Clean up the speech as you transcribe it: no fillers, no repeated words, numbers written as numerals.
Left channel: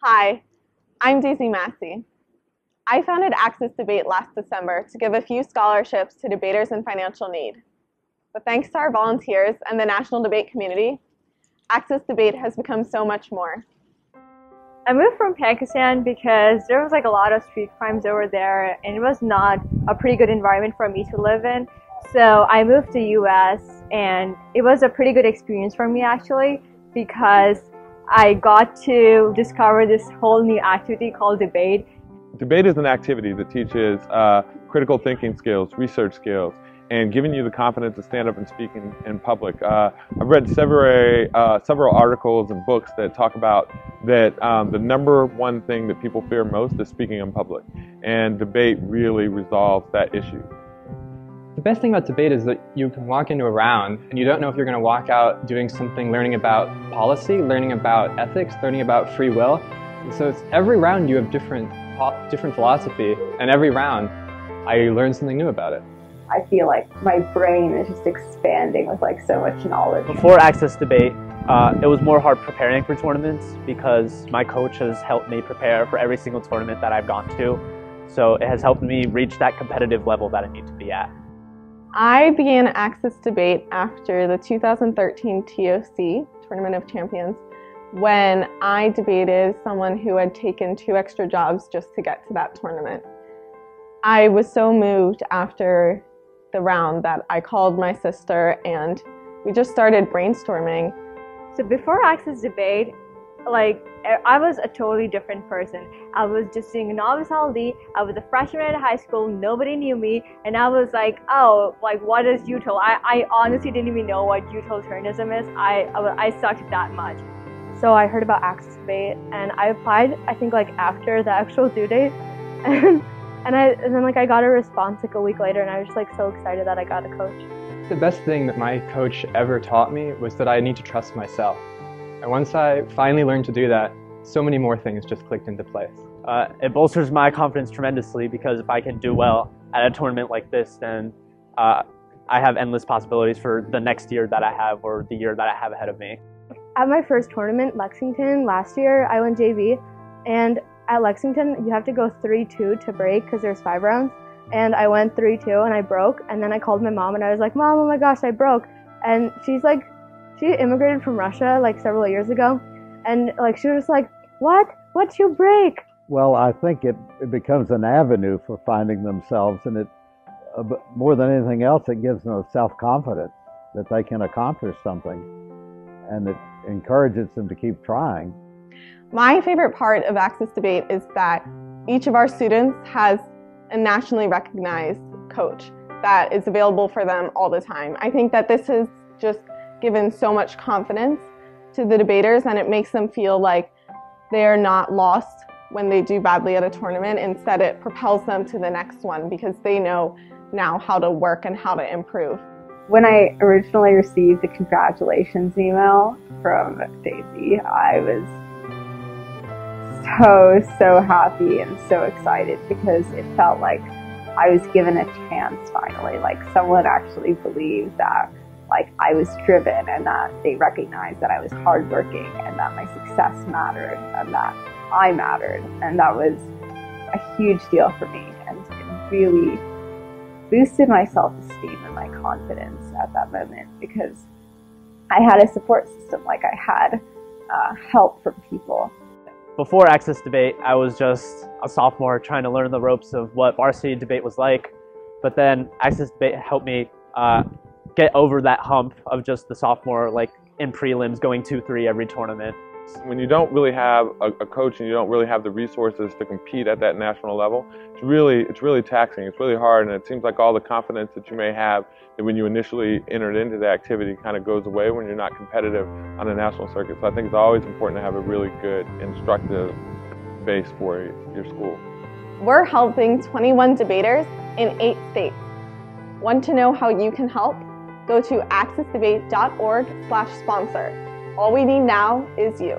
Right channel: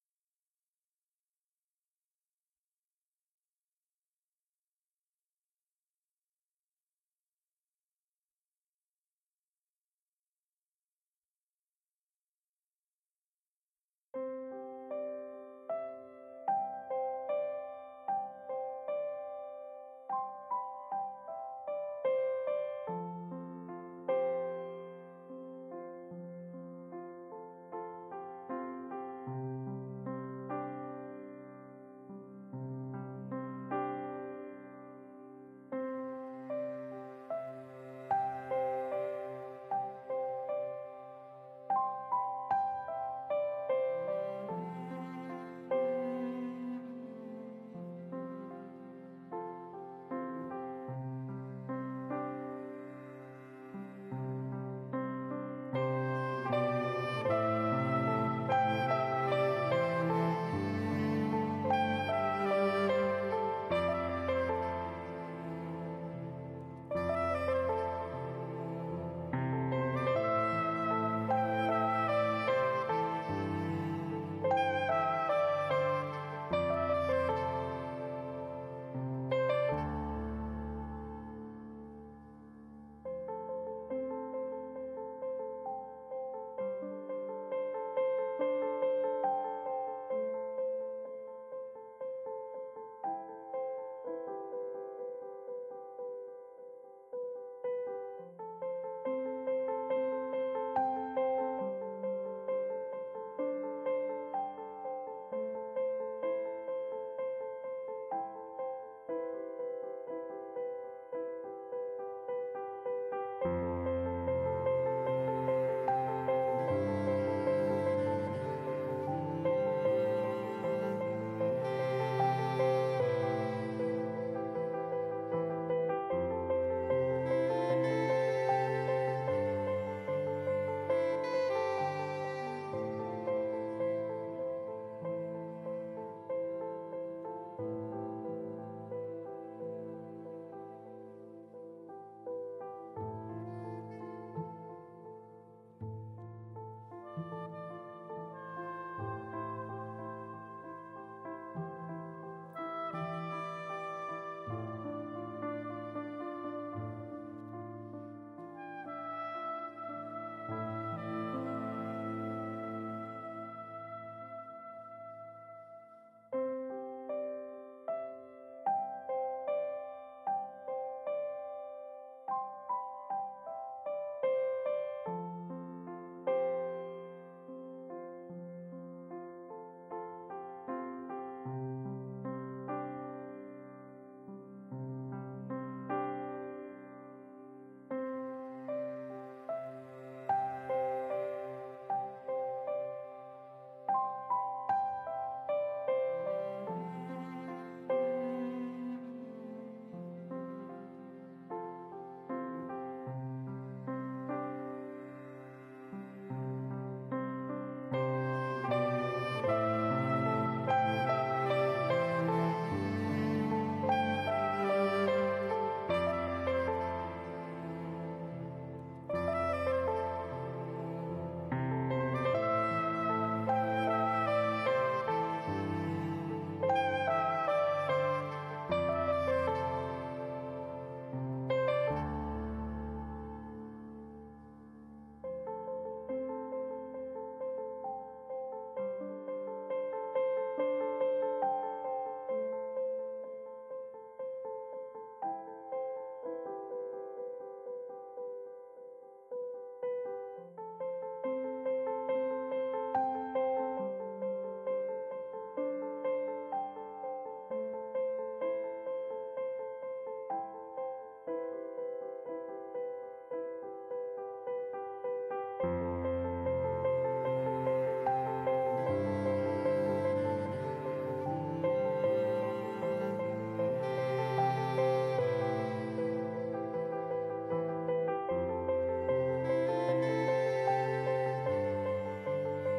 Hi, I'm Daisy Massey. I founded Access Debate last December to give a few scholarships to debaters in financial need. But thanks to our volunteers and the national debate community, Access Debate has become so much more. I moved from Pakistan because there was a lot of street crimes over there and it was not a pretty good environment for me to live in. So I moved to US and it was a pretty good experience for me actually because I got to discover this whole new activity called debate. Debate is an activity that teaches critical thinking skills, research skills, and giving you the confidence to stand up and speak in public. I've read several articles and books that talk about that the number one thing that people fear most is speaking in public, and debate really resolves that issue. The best thing about debate is that you can walk into a round and you don't know if you're going to walk out doing something, learning about policy, learning about ethics, learning about free will. So it's every round you have different philosophy, and every round I learn something new about it. I feel like my brain is just expanding with so much knowledge. Before Access Debate, it was more hard preparing for tournaments because my coach has helped me prepare for every single tournament that I've gone to. So it has helped me reach that competitive level that I need to be at. I began Access Debate after the 2013 TOC, Tournament of Champions, when I debated someone who had taken 2 extra jobs just to get to that tournament. I was so moved after the round that I called my sister and we just started brainstorming. So before Access Debate, I was a totally different person. I was just doing Novice LD. I was a freshman at high school. Nobody knew me. And I was like, oh, what is UTIL? I honestly didn't even know what UTILitarianism is. I sucked that much. So I heard about Access Debate and I applied, I think after the actual due date. And then I got a response a week later and I was just so excited that I got a coach. The best thing that my coach ever taught me was that I need to trust myself. And once I finally learned to do that, so many more things just clicked into place. It bolsters my confidence tremendously because if I can do well at a tournament like this, then I have endless possibilities for the next year that I have or the year that I have ahead of me. At my first tournament, Lexington, last year, I went JV, and at Lexington, you have to go 3-2 to break because there's 5 rounds, and I went 3-2 and I broke, and then I called my mom and I was like, Mom, oh my gosh, I broke, and she's like, she immigrated from Russia several years ago, and she was just like, what'd you break? Well, I think it becomes an avenue for finding themselves, and more than anything else, it gives them self-confidence that they can accomplish something, and it encourages them to keep trying. My favorite part of Access Debate is that each of our students has a nationally recognized coach that is available for them all the time. I think that this has just given so much confidence to the debaters, and it makes them feel like they are not lost when they do badly at a tournament. Instead, it propels them to the next one because they know now how to work and how to improve. When I originally received the congratulations email from Daisy, I was so happy and so excited because it felt like I was given a chance finally, someone actually believed that I was driven and that they recognized that I was hardworking and that my success mattered and that I mattered, and that was a huge deal for me, and it really boosted my self-esteem and my confidence at that moment because I had a support system, I had help from people. Before Access Debate, I was just a sophomore trying to learn the ropes of what varsity debate was like, but then Access Debate helped me get over that hump of just the sophomore, in prelims, going 2-3 every tournament. When you don't really have a coach and you don't really have the resources to compete at that national level, it's really taxing. It's really hard, and it seems like all the confidence that you may have that when you initially entered into the activity kind of goes away when you're not competitive on a national circuit. So I think it's always important to have a really good instructive base for your school. We're helping 21 debaters in 8 states. Want to know how you can help? Go to accessdebate.org/sponsor. All we need now is you.